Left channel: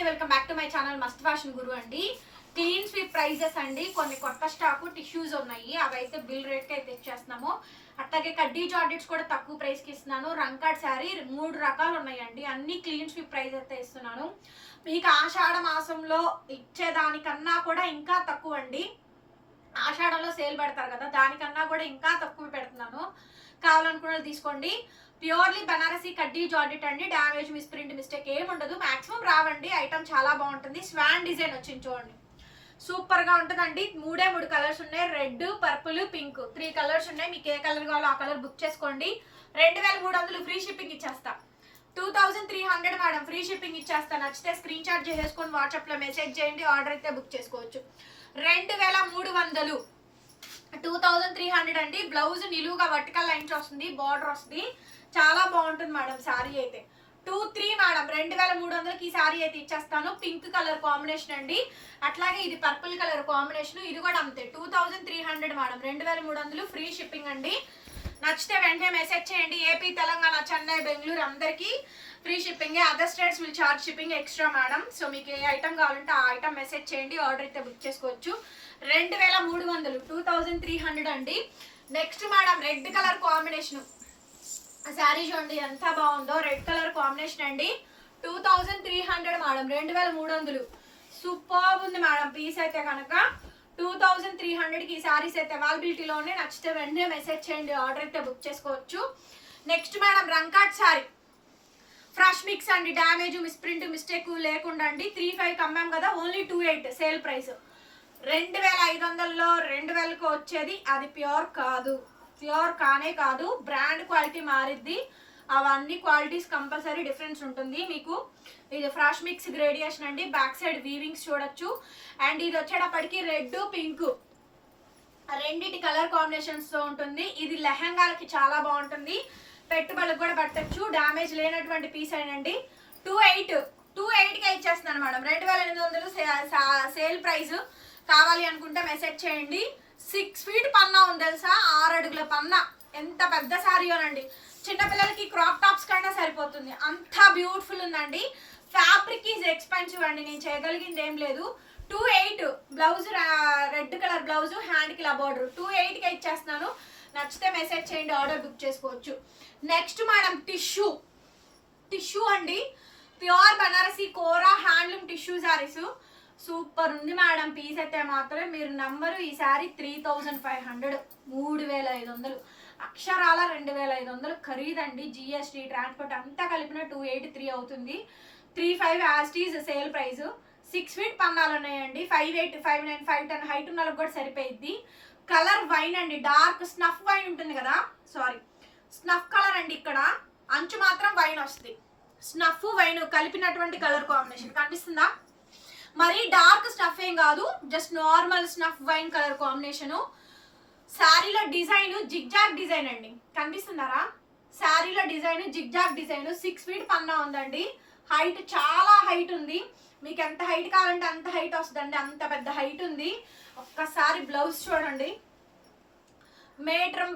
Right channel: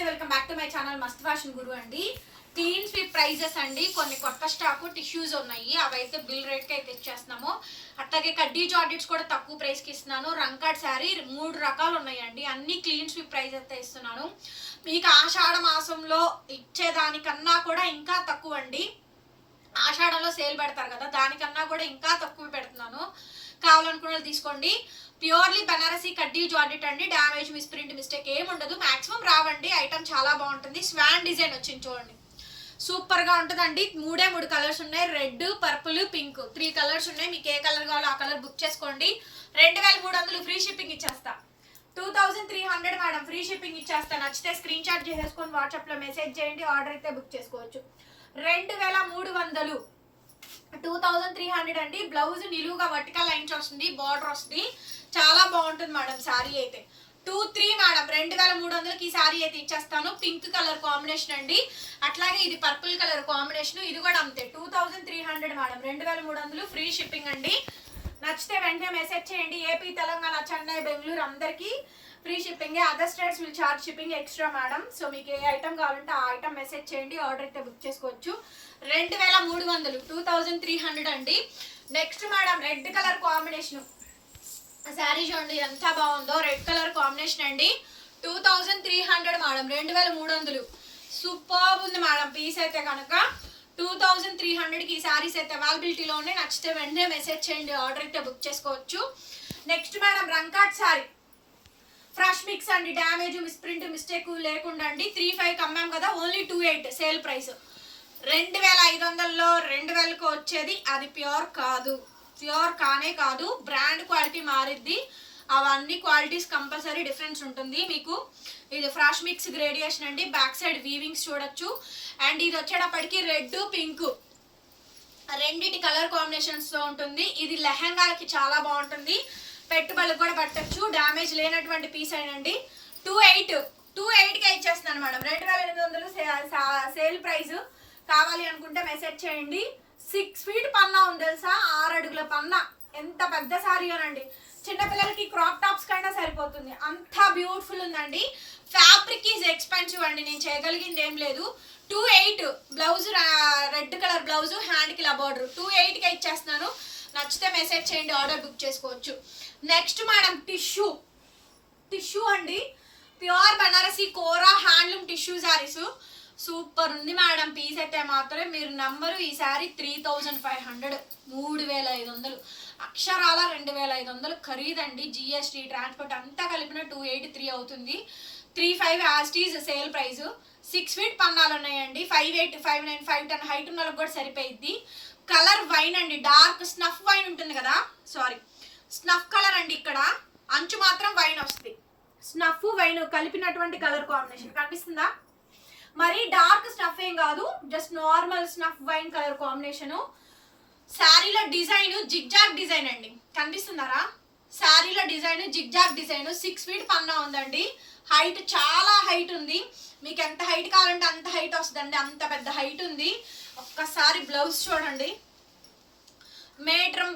నమస్తే, welcome back to my channel మస్త్ fashion గురు అండి. క్లీన్ స్వీప్ ప్రైజెస్ అండి. కొన్ని కొత్త స్టాక్ టిష్యూస్ ఉన్నాయి, అవైతే బిల్ రేట్ కి అయితే ఇచ్చేస్తున్నాము. అట్లాగే కడ్డీ జార్జెట్స్ కూడా తక్కువ ప్రైస్ కి ఇస్తున్నాను. రంకాడ్ శారీ 3 రకాలు ఉన్నాయండి, అన్ని క్లీన్ స్వీప్ ప్రైస్ అయితే ఇస్తున్నాను. మీకు ఆషాఢ మాసంలో ఇచ్చేదానికన్నా కూడా ఇంకా తక్కువ అండి. ఆషాఢంలో సేల్ పెడతారు కదా, దానికన్నా కూడా ఇంకా తక్కువ పెడుతున్నాను. కావాలనుకున్న తీసుకోండి. ప్యూర్లీ బనారసీ కడ్డీ జార్జెట్ అండి. డ్యామేజ్, మిస్ప్రింట్, మిస్టేక్ ఏమి ఉండదు. మాక్సిమం రావండి. ఐటమ్ చాలా బాగుంటుంది. స్వాన్ డిజైన్ వచ్చింది చూడండి, సూపర్ గా ఉంటుందండి. 3 కలర్స్ ఉన్నాయి, రెడ్, పర్పుల్, పింక్, 3 కలర్స్ ఉన్నాయి. మీకు ఏ కలర్ కావాలో ఆ కలర్ బుక్ చేసుకోండి. 2300 ఫ్రీ షిప్పింగ్ ఇచ్చేస్తా. 2300 మేడం, ఫ్రీ షిప్పింగ్ ఇచ్చేస్తా. నచ్చితే స్క్రీన్ షాట్ చేసేసుకొని వాట్సాప్ లో మెసేజ్ చేయండి, ఆర్డర్ అయితే బుక్ చేసుకోవచ్చు. 2300 2300 అండి. బ్లౌజ్ నిలువుగా వర్టికల్ లైన్స్ వస్తుంది, బార్డర్ వస్తుంది, చాలా బాగుంటుంది మేడం. శారీ అయితే 23 మేడం, 2300కి ఈ శారీ అయితే ఇచ్చేస్తాను. పింక్ కలర్ కాంబినేషన్ అండి, అట్లాగే ఇది పర్పుల్ కలర్ కాంబినేషన్, ఇది కూడా అంతే. 2300 మేడం, 2300 ఫ్రీ షిప్పింగ్ అండి. నచ్చితే వెంటనే మెసేజ్ చేయండి. ఏపీ, తెలంగాణ, చెన్నై, బెంగళూరు అందరికీ free shipping. Other states will charge shipping extra madam. So మీకు ఏ ఐటమ్ కావాలంటే ఆ ఐటమ్ మెసేజ్ చేయండి, ఆర్డర్ అయితే బుక్ చేసుకోవచ్చు. 2300 2300 అండి. Next madam, red colour combination sari చూడండి ఎంత బాగుందో. రెడ్ కలర్ కాంబినేషన్ అండి, 2300 మేడం, 2300 సూపర్ ఉంది మేడం. పీస్ అయితే కనుక 2300కి ఈ శారీస్ అయితే అవైలబిలిటీలో ఉన్నాయి. నచ్చితే వెంటనే మెసేజ్ చేయండి, ఆర్డర్ అయితే బుక్ చేసుకోవచ్చు. నెక్స్ట్ మేడం, రంకాట్ శారీ ఫ్రెష్ మిక్స్ అండి. డ్యామేజ్, మిస్ప్రింట్, మిస్టేక్ లేకుండా అండి. 35 అమ్మాం కదా, ఓన్లీ 28 సేల్ ప్రైస్. 2500లో 2000కి వచ్చేది అది ప్యూర్ కాదు, ప్యూర్ కానే కాదు. బ్రాండ్ క్వాలిటీ మారిద్ది, అవన్నీ క్వాలిటీస్ కంపల్సరీ డిఫరెన్స్ ఉంటుంది మీకు. ఇది ఫ్రాష్ మిక్స్ గ్రేడియేషన్ అండి. బ్యాక్ సైడ్ వీవింగ్స్ చూడొచ్చు. అండ్ ఇది వచ్చేటప్పటికి రెడ్, పింక్ రెండిటి కలర్ కాంబినేషన్స్ తో ఉంటుంది. ఇది లెహంగాలకి చాలా బాగుంటుంది, పెట్టుబడులకు కూడా పట్టచ్చు. డ్యామేజ్ లేనటువంటి పీస్ అయినండి. 28కే ఇచ్చేస్తున్నాను మేడం. 2800 sale price. కావాలి అనుకుంటే మెసేజ్ చేయండి. 6 ఫీట్ పన్నా ఉంది తెలుసా, 6 అడుగుల పన్నా. ఎంత పెద్ద శారీయోనండి, చిన్నపిల్లలకి క్రాప్ టాప్స్ కైనా సరిపోతుంది, అంత బ్యూటిఫుల్ ఉందండి. ఫ్యాబ్రిక్ ఈజ్ ఎక్స్పెన్సివ్ అండి, నేను చేయగలిగింది ఏం లేదు. 28 బ్లౌజ్, రెడ్ కలర్ బ్లౌజ్, హ్యాండ్కి ఇలా బార్డర్. 28కే ఇచ్చేస్తున్నాను. నచ్చితే మెసేజ్ చేయండి, ఆర్డర్ బుక్ చేసుకోవచ్చు. నెక్స్ట్ మేడం, టిష్యూ అండి. ప్యూర్ బనారసీ కోరా హ్యాండ్లూమ్ టిష్యూ శారీస్ సూపర్ ఉంది మేడం. పీస్ అయితే మాత్రమే మీరు నంబరు. ఈ శారీ 3500, 3500 అక్షరాల 2500 ఖరీదండి. జిఎస్టీ, ట్రాన్స్పోర్ట్ అంతా కలిపిన 283 అవుతుంది. 35 యాస్టీస్ సేల్ ప్రైస్. 6 ఫీట్ పన్నాలు ఉన్నాయండి. 58, 59, 510 హైట్ ఉన్న వాళ్ళకి కూడా సరిపోయిద్ది. కలర్ వైన్ అండి, డార్క్ స్నఫ్ వైన్ ఉంటుంది కదా, సారీ స్నఫ్ కలర్ అండి. ఇక్కడ అంచు మాత్రం వైన్ వస్తుంది. స్నఫ్ వైన్ కలిపినటువంటి కలర్ కాంబినేషన్ కనిపిస్తుందా? మరి డార్క్ స్నఫ్ ఏం కాదు, just normal snuff wine colour combination. శారీలో డిజైన్ జిగ్జాగ్ డిజైన్ అండి, కనిపిస్తున్నారా? శారీలో డిజైన్ జిగ్జాగ్ డిజైన్. 6 ఫీట్ పన్నా ఉందండి. హైట్ చాలా హైట్ ఉంది. మీకు ఎంత హైట్ కావాలంటే అంత హైట్ వస్తుందండి, అంత పెద్ద హైట్ ఉంది. ఒక్కసారి బ్లౌజ్ చూడండి. మీటర్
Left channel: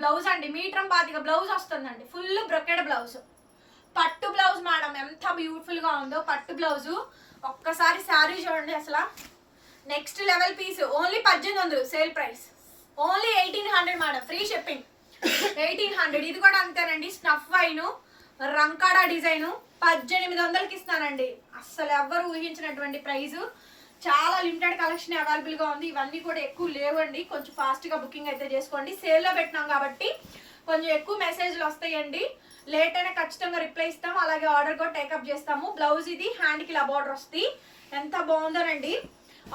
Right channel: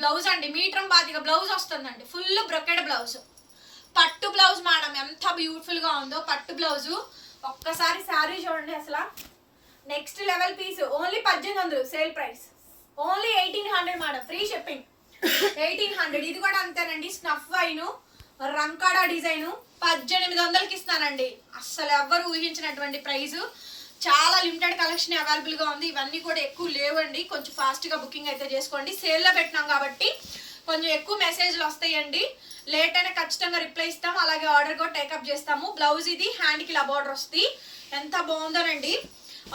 బ్లౌజ్ అండి, మీటర్ బాతిగా బ్లౌజ్ వస్తుందండి. ఫుల్ బ్రొకెడ్ బ్లౌజ్, పట్టు బ్లౌజ్ మేడం. ఎంత బ్యూటిఫుల్ గా ఉందో పట్టు బ్లౌజ్. ఒక్కసారి శారీ చూడండి అసలు. Next level piece. Only 1800 sale price. Only 1800 madam, free shipping. 1800. ఇది కూడా అంతేనండి, స్నఫ్ వైన్ రంకాడా డిజైన్. 1800కి ఇస్తానండి. అస్సలు ఎవ్వరు ఊహించినటువంటి ప్రైస్. చాలా లిమిటెడ్ కలెక్షన్ అవైలబుల్ గా ఉంది. ఇవన్నీ కూడా ఎక్కువ లేవండి, కొంచెం ఫాస్ట్ గా బుకింగ్ అయితే చేసుకోండి. సేల్లో పెట్టినాం కాబట్టి కొంచెం ఎక్కువ మెసేజ్లు వస్తాయండి. లేట్ అయినా ఖచ్చితంగా రిప్లై ఇస్తాం, అలాగే ఆర్డర్ కూడా టేకప్ చేస్తాము. బ్లౌజ్ ఇది, హ్యాండ్కి ఇలా బార్డర్ వస్తుంది. ఎంత బాగుందోనండి.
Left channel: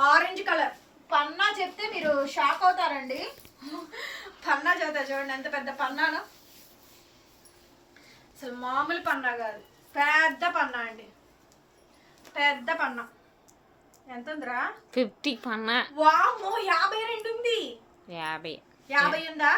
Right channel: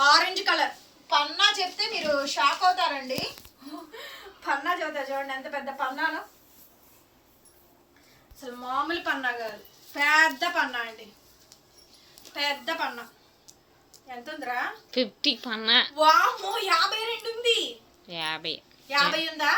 ఆరెంజ్ కలర్ పన్నా చెప్తే మీరు షాక్ అవుతారండి. పన్నా చెబుతా చూడండి, ఎంత పెద్ద పన్నాను. అసలు మామూలు పన్నా కాదు, పెద్ద పన్నా అండి, పెద్ద పన్నా. ఎంత ఉందిరా? 50 పన్నా. వామ్మో, 52 ఉంది. 50 ఉందా?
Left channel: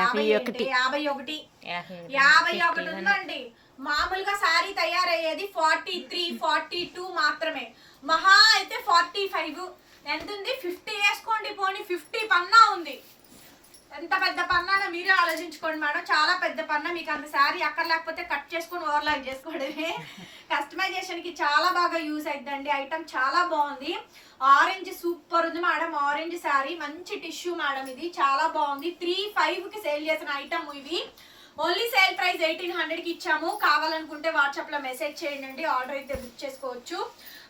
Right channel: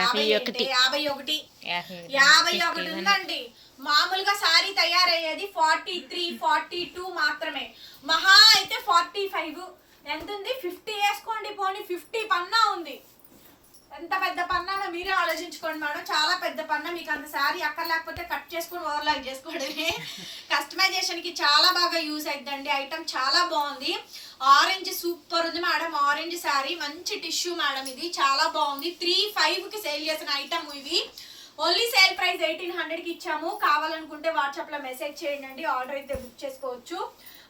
51 ఉందండి. మామూలుగా శారీ తయారయ్యేది 43, 42 మాత్రమే. మహా అయితే 45. ఎంత ఉంది? 50 వేసుకోండి పోనీ. 50 పన్నా ఉంది. ఎంత పెద్ద పన్నానో మీరే ఆలోచించుకోండి మేడం, చాలా పెద్ద పన్న. మీకు అంత శారీ అక్కడ లేకపోతే కట్ చేసుకొని ఓవర్లాక్ చేసుకోవడమే. కస్టమైజేషన్ కి చాలా బాగా యూజ్ అవుతుందండి. ఐటమ్ చాలా బాగుంది. ఆరెంజ్ సూపర్ ఉంది మేడం, ఆరెంజ్ శారీ మంచి టిష్యూ మేడం, ఇది చాలా బాగుంది. 3,500 కి సేల్ చేసిన ఐటమ్ ఇవి. ఓన్లీ సేల్ ప్రైస్ 1,800 కి ఇచ్చాము. కావాలనుకుంటే వాట్సాప్ లో మెసేజ్ చేయండి, ఆర్డర్ అయితే బుక్ చేసుకోవచ్చు.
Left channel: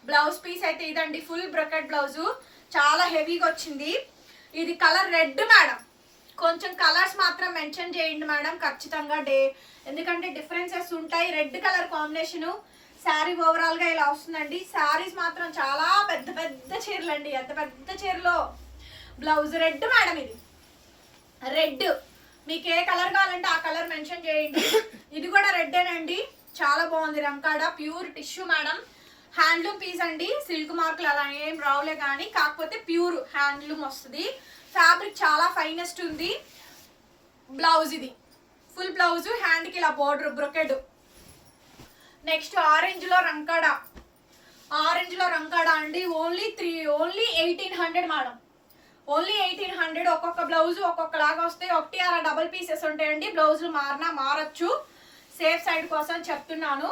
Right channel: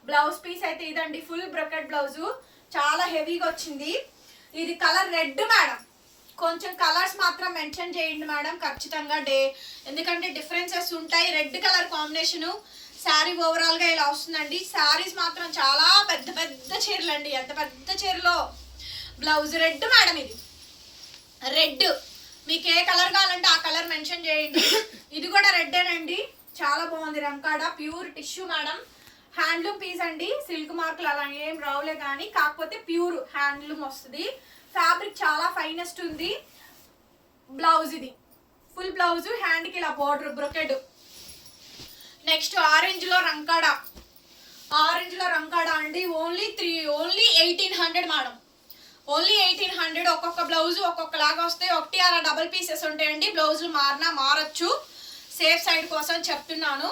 బ్లౌజ్ పీస్ అయితే ఇదండి, ఫుల్ బ్రొకెట్ బ్లౌజ్, చాలా హెవీగా వచ్చింది. ఇది కలర్ రెడ్ మేడం, కొంచెం కలర్స్ మాత్రం మెన్షన్ చేయండి మేడం ఖచ్చితంగా, ఎందుకంటే డిఫరెన్సెస్ ఉంటాయి. Red colour combination sari overall గా ఇలా వస్తుందండి. శారీస్ మాత్రం చాలా పెద్ద పెద్ద చీరలు అండి, ఎంత పెద్ద చీరలో. బ్లౌజ్ రెడ్ మేడం, ఇది రెడ్, మీకు ఏ కలర్ కావాలంటే ఆ కలర్ మెన్షన్ చేయండి. ఇది కూడా రెడ్డేనండి, చాలా బాగుంది. రంకాడ pure tissue madam, handloom piece అండి. సిల్క్ మార్కులు అలా ఏం రావులే కానీ, కాకపోతే ప్యూర్ హ్యాండ్లూమ్ వస్తుంది. ఫ్యాబ్రిక్ చాలా ఫైనెస్ట్ ఉంది. బ్లౌజ్ ఇది ఫుల్ బ్లౌజ్, హ్యాండ్కి ఇలా బోర్డర్ బ్రొకెడ్. నెక్స్ట్ ఆరెంజ్ లో రంకాడ, ఆరెంజ్ లో రంకాడ అండి. Only 1,800 madam, only 1,800. ఒక్కొక్క బ్లౌజ్ ఒక్కొక్కలాగా వస్తాయి, ఒకటి అలా డబుల్ పీసెస్ ఉంటాయండి. బ్లౌజులు మారచ్చు, సేఫ్ సైడ్ కోసం చెప్తున్నాను.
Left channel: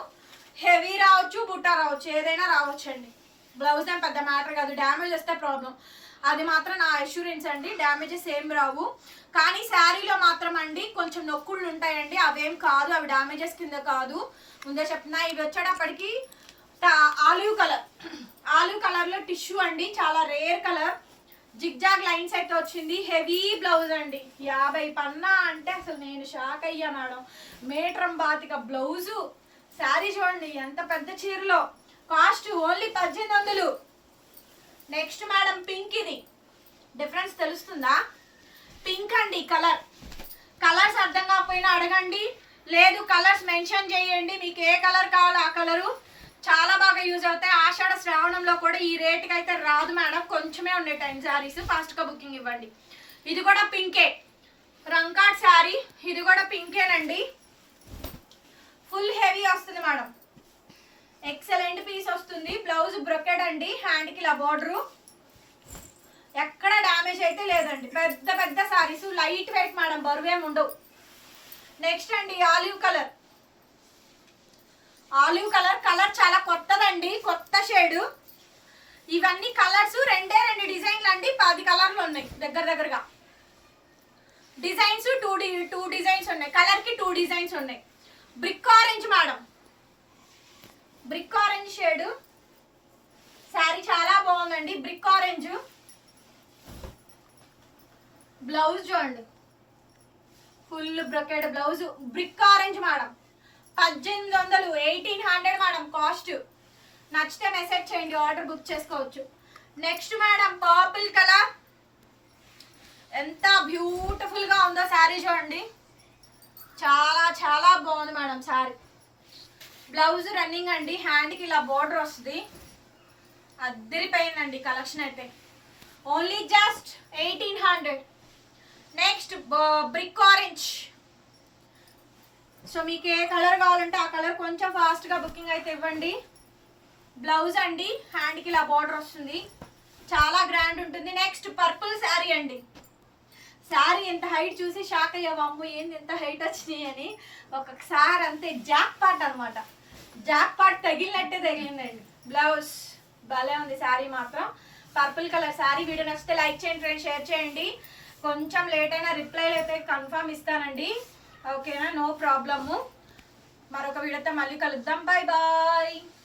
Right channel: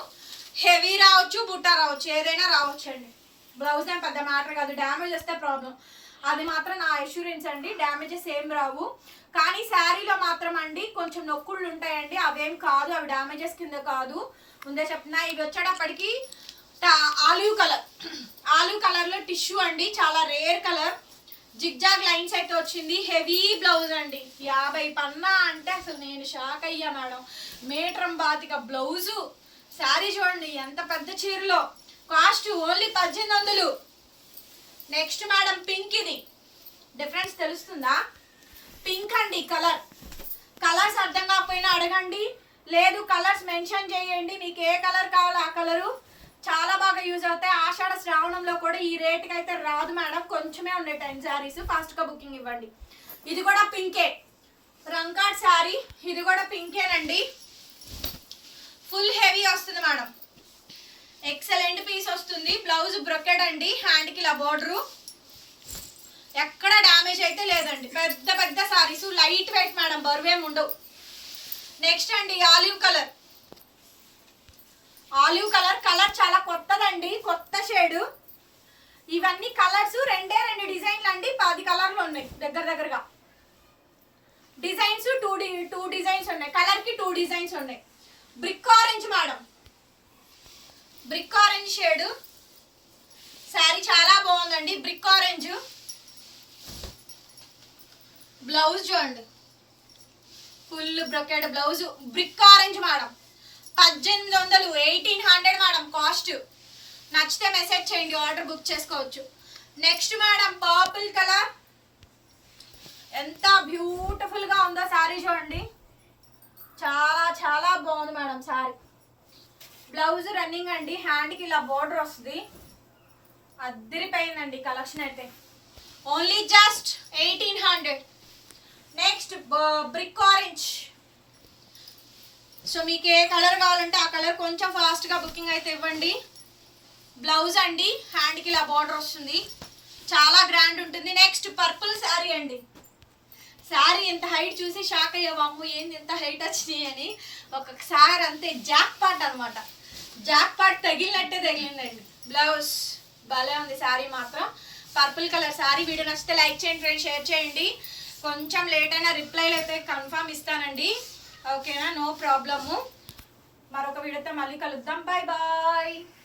హెవీ రావచ్చు, బుట్టా రావచ్చు, ఏదైనా రావచ్చు అండి. బ్లౌజ్ ఏం పెద్ద మ్యాటర్ కాదు, డ్యామేజ్ వస్తే ప్రాబ్లం, అది మాత్రం నా అష్యూరెన్స్ అండి. డ్యామేజెస్ ఏం రావు, కానీ శారీలో మాత్రం అండి కొంచెం నొక్కుళ్ళు ఉంటాయండి, అవేం కాదు, అవి డ్యామేజెస్ కింద కాదు, ముందే చెప్తున్నా. ఇది వచ్చేటప్పటికి ఆలివ్ కలర్, ఆలివ్ కలర్ లో టిష్యూ అండి, చాలా రేర్ కలర్. జిగ్జాగ్ లైన్స్ అయితే వచ్చింది. హెవీ బ్లౌజ్ అండి, 50 పన్నా అంటే అసలు నేను షాక్ అయ్యా మేడం. మీటరం బాతిక బ్లౌజు, శారీ చూడండి ఎంత పెద్ద చీరలో. Cost only 1,800. Next madam pink, ఇది డిఫరెన్స్ తెలుస్తుందా? పింక్ అండి కలర్, కలర్స్ అర్థం కాకపోయినా అడగండి, లేదు కలర్స్ మెన్షన్ చేయండి, మీకు ఏ కలర్ కావాలో ఆ కలరు. చాలా బాగా యూజ్ అవుతాయి. ఆషాఢ శ్రావణంలో కూడా ఈ రేట్కి అయితే రాదు మేడం, కొంచెమే ఉన్నాయి టైం శారీస్, ఫాస్ట్గా బుకింగ్ ఇవ్వండి. ఇది కూడా పింకే, రంకాట్ శారీ, ఇది కూడా పింకేనండి, ఫుల్ హెవీ వస్తుంది మేడం. ఎక్సలెంట్ పీస్ వస్తుంది. బ్లౌజ్ బ్రొకెడ్ అండి, హ్యాండ్కి ఇలా బోర్డరు, ఎక్కడ డ్యామేజ్ అయితే లేదండి. పెద్ద పెద్ద సారీస్, లైట్ వెయిట్ మేడం, బరువేం ఉండవు. నెక్స్ట్ అండి olive colour, olive colour, colour చాలా కొత్తదండి, కొత్త షేడ్. ఇవన్నీ కలర్స్ రెండే 2 డిజైన్లు అండి, 10 కలర్లు ఉన్నాయి దగ్గరగా. డిజైన్స్ 2 డిజైన్స్ ఉన్నాయి, కలర్ కి 2 డిజైన్స్ ఉన్నాయి. Brick orange madam, brick orange shade sari చాలా బాగుందండి. బ్రిక్ ఆరెంజ్ బ్లౌజ్ చూడండి, full brocade blouse. Brick orange madam, 1,800, 1,800 madam cost. నచ్చితే మెసేజ్ చేయండి, ఆర్డర్ బుక్ చేసుకోవచ్చు. నెక్స్ట్ మేడం పర్పుల్ కలర్, ఎంత బ్యూటిఫుల్ గా ఉందో శారీ చూడండి, చాలా చాలా బాగుంది మేడం శారీ. బ్లౌజ్ రన్నింగ్ అండి, హ్యాండ్కి ఇలా బోర్డర్ వస్తుంది, అద్దరిపోయిందండి కలెక్షన్ అయితే. Only just 1,800. Next brick orange. So మీకు ఏ కలర్ కావాలంటే ఆ కలర్ కొంచెం ఫాస్ట్గా బుకింగ్ అయితే ఇవ్వండి. బ్లౌజ్ అండి, హ్యాండ్కి ఇలా బార్డర్ వస్తుంది, చాలా గ్రాండ్ ఉంటుంది. నెక్స్ట్ పర్పుల్ శారీ అండి, శారీ ఎంత హైట్ చూసి షాక్ అయ్యావు, అమ్ము ఏంది ఎంత హైట్ వచ్చినాయి అని. ఒకసారి అంతే జాక్ పాట్ అనమాట, జాక్ పాట్ తగిలినట్టే తగిలిందండి. బ్లౌజ్ భలే ఉంది శారీ మాత్రం. Purple colour sari. వీడియో నచ్చితే లైక్ చేయండి ఫ్రెండ్స్, షేర్ చేయండి. కొంచెం లేట్ అయినా రిప్లైలు అయితే కన్ఫర్మ్ ఇస్తానండి, ఓకేనా, నో ప్రాబ్లము. మరొక వీడియోతో మళ్ళీ కలుద్దాం, బాయ్ బాయ్.